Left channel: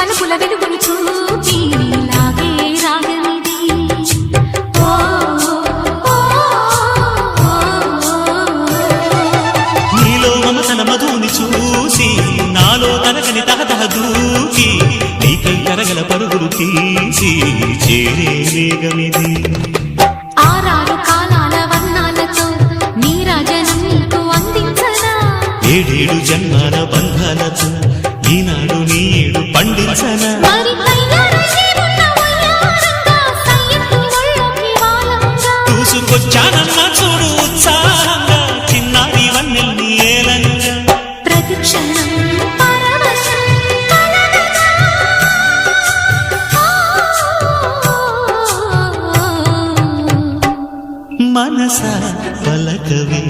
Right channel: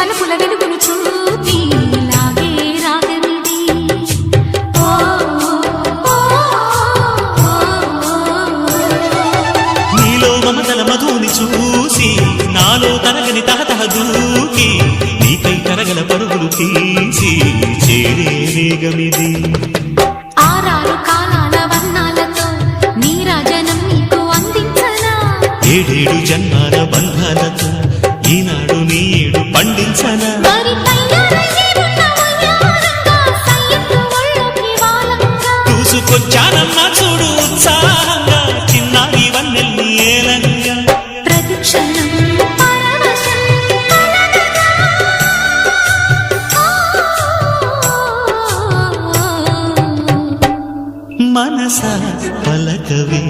వలపుల వెలుగును చూపి లాగే రాగమిది. నీలో మమతల మధుని చూసి నాలో తరగని తహతహ దూకి నీకై తరగల పరుగులు తీసి చేరే వేగమిది. ఆరారు కాలాల వర్ణాలతో నీరాజనం నీకు అందించనా, ఏడేడు జన్మాల బంధాలతో ఈనాడు నీడు పండించనా. మరి తయారయ్యే ఉన్న వయ్యారంగా సయ్యత్తు ఒళ్ళోకి వాలంగా చూసుకొచ్చానమ్మా చూడు ఉత్సాహంగా చిన్నారి వన్నెల్ని ఏలంగా. ప్రతిక్షణం పరవశం కలగగా. మనసా పలకవే